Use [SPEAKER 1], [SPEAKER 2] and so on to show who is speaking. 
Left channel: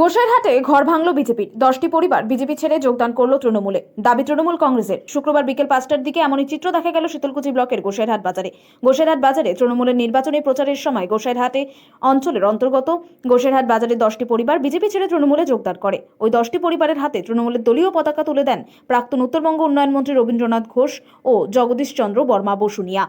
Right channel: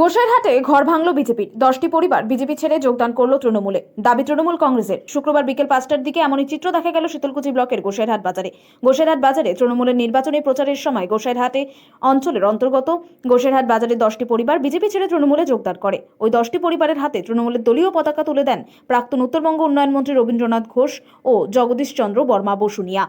[SPEAKER 1] গোসাইরহাটে ঘর ভাঙল বিজেপির। দশটি পরিবার বিজেপি ছেড়ে যোগদান করল তৃণমূলে। দাবি তৃণমূল কংগ্রেসের। শুক্রবার বিকেল পাঁচটার দিকে এমনই চিত্র দেখা গেল শীতলকুচি ব্লকের গোসাইরহাট বাজারে। গোসাইরহাট বাজারে তৃণমূলের নির্বাচনী প্রচারের সময় গোসাইরহাটে অঞ্চলের অন্তর্গত গোসাইরহাট বাজারে দশটি পরিবার বিজেপি ছেড়ে তৃণমূলে যোগদান করে। ওই দশটি পরিবারের হাতে তৃণমূলের দলীয় পতাকা তুলে দেন প্রাক্তন উত্তরবঙ্গ উন্নয়ন মন্ত্রী রবীন্দ্রনাথ ঘোষ ও জগদীশ চন্দ্র বর্মা বসুনিয়া।